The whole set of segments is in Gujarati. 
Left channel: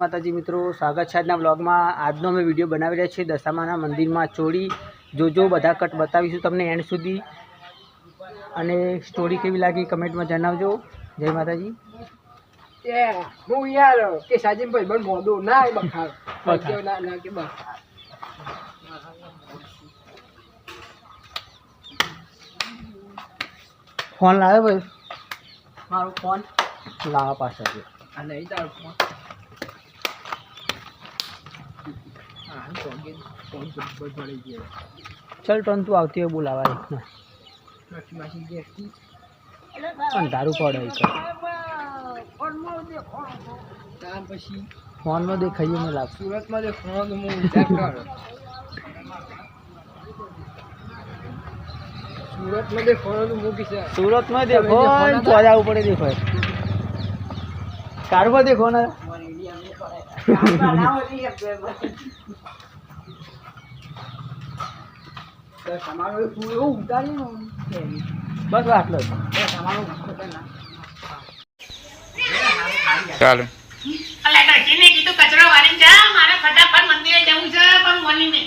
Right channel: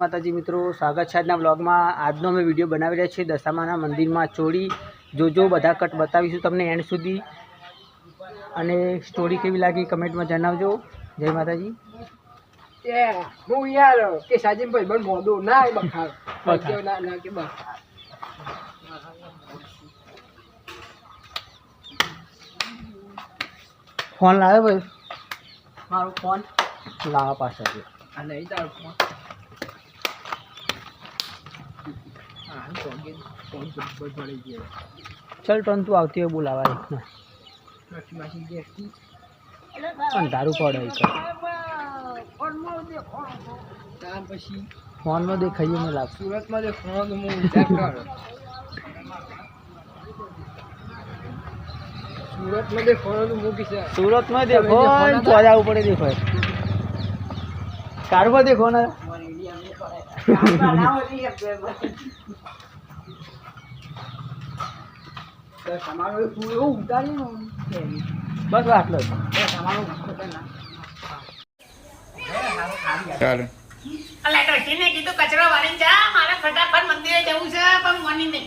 માતાજી મિત્રો, સ્વાગત છે આજના બ્લોગમાં। આજનો અમે વિડીયો બનાવી રહ્યા છીએ દશામાના મંદિરમાં ચોરી। જોજો બધા કટ બતાવીશું તમને એન્ડ સુધી, અને સ્ટોરી કેવી લાગી કમેન્ટમાં જણાવજો। જય માતાજી। હું યાર કે સાજીમ ભાઈ બન મોદો ના બખાર ના ના કે બસ ફોન લાવ્યો ભાઈ, મારો ફોન લાવવા પાછળ આ નહીં તારો ફોન હા ફોન પર પડી ગયો। ચલ ટન તું આવતી હોય બોલાવા એક ના નથી માસી કે અંધારું પડે તાર પછી ફોનમાં દેખાઈએ મને લાગશે। સુરતમાં જે ફોન હું વિચાર કર સુરતમાં જે ફોન મૂકી છે સુરતમાં દેખો તો જવું પડે દેખો કારમાં દેખો ને તમારું તું એવું ઉતારી ને બસ આટલો જ। તમારું ચાલો અલા કીને કીધું કચરો વાળીને જા, મારે ફટાફટ મંદિરે જવું છે, પણ મની નહીં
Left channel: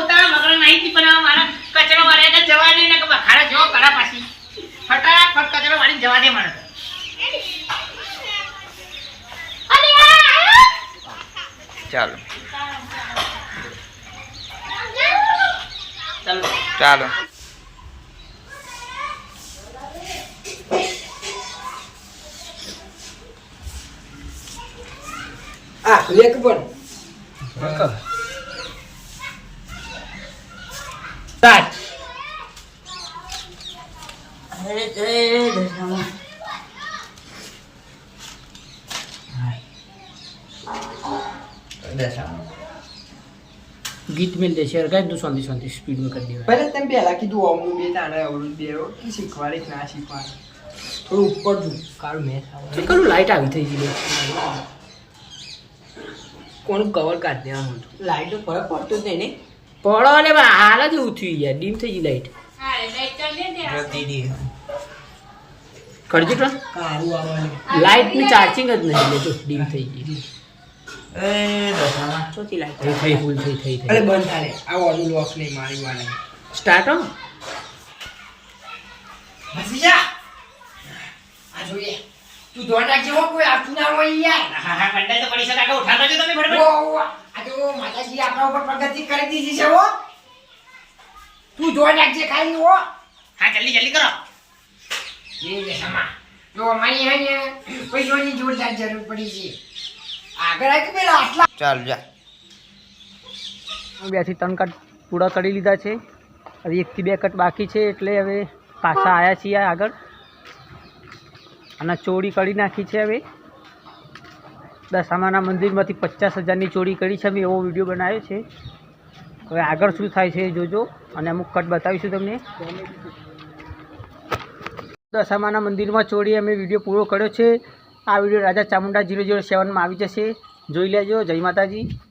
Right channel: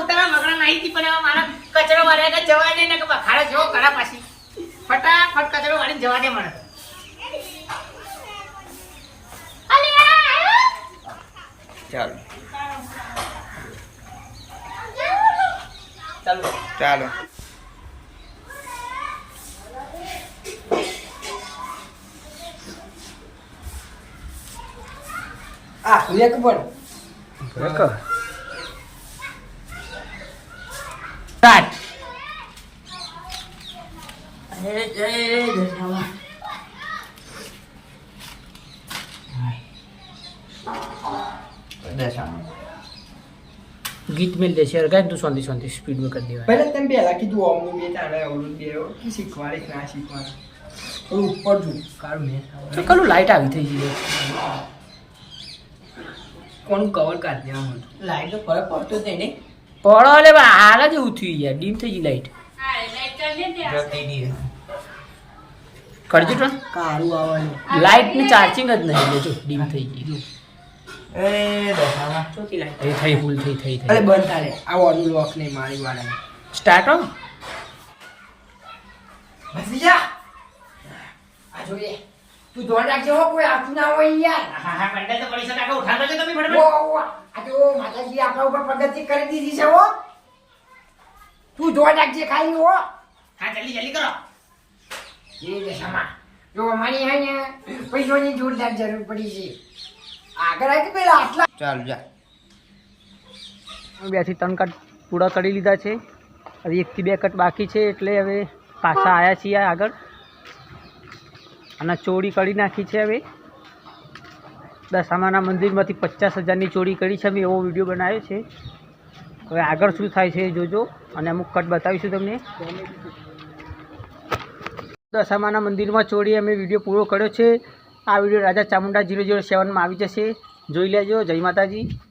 ઉતાવળ મગર નહીં થી, પણ મારે કચરો વાળ્યા કે જવા દે ને કે બખાડો જો કરા પાછી ફટાફટ કચરો વાળીને જવા દે મને। ચાલો ચાલો ચાલો આ લેક પણ બાત ગીત મિલ દે શેર ગાય તું શાંતિ શાંતિ સ્પીડમાં કરી દેવાય। પહેલા તમે પહેલા કીધું ઓમનું બે તાણે અવરું બે કે શીખવાડે કે ના શીખવાડે થોડું ઉપર જુ કાળું મેં તો કલું લાઈટ આવી થઈ ગઈ કોનું કવર કાઢ દેવાનું હતું લાઈટ તો ફરક પડતો જ નહીં ને પડો લે હાલ જ એવું થયું યાર, ડીમ થઈ ગઈ લાઈટ। કરજો ટ્રન કાળું આવવાનું લાઈટ ની ચાર્જિંગ જ નહીં લેજો, ડીમ થઈ ગઈ એ દશામાં ચોથી લાઈટ થઈ ફૂલ થઈ અરે બંધ થાય આ ઓનું લોક નહીં મારી વાળા સ્ટાર્ટ હો હસી જા આ જોઈએ તું ધોન રાખજે હો કોઈ આઠું ના હોય યાર હા હા બંડા તો પડી શકે ઉઠાડો છો તમે ફટાફટ। ઓ આ તો માતાજી આપણા ઉપર પ્રગતિ કરી દીધી છે હો તું ધોન રાખજે ખાલી હો હા જલ્દી જલ્દી કરો। એ દશામાં જો અમારી હે ને પૈસાની જોરદાર જરૂર પડી છે આગળ આવી પેલા આટલા ચાલ જા 2 થી 3 કટ પૂરા કરી લીધા છે, હવે 1 થી 2 કટ બાકી છે, એટલે હવે પાછા આવ્યા છીએ આગળ અને ચોરી કરી નાખી છે। હવે દશામાના મંદિરમાંથી 50,000ની ચોરી કરી છે, અમે એવો વિડીયો બનાવ્યો છે। હવે આગળ શું થાય છે એ જોજો, અને અમુક કટ બતાવીશું તમને। દશામાના મંદિરમાં ચોરી અમે વિડીયો પૂરો કર્યો છે। આ વિડીયો રાજા ચામુંડા 007માં આવી જશે, જોઈ લેજો। જય માતાજી।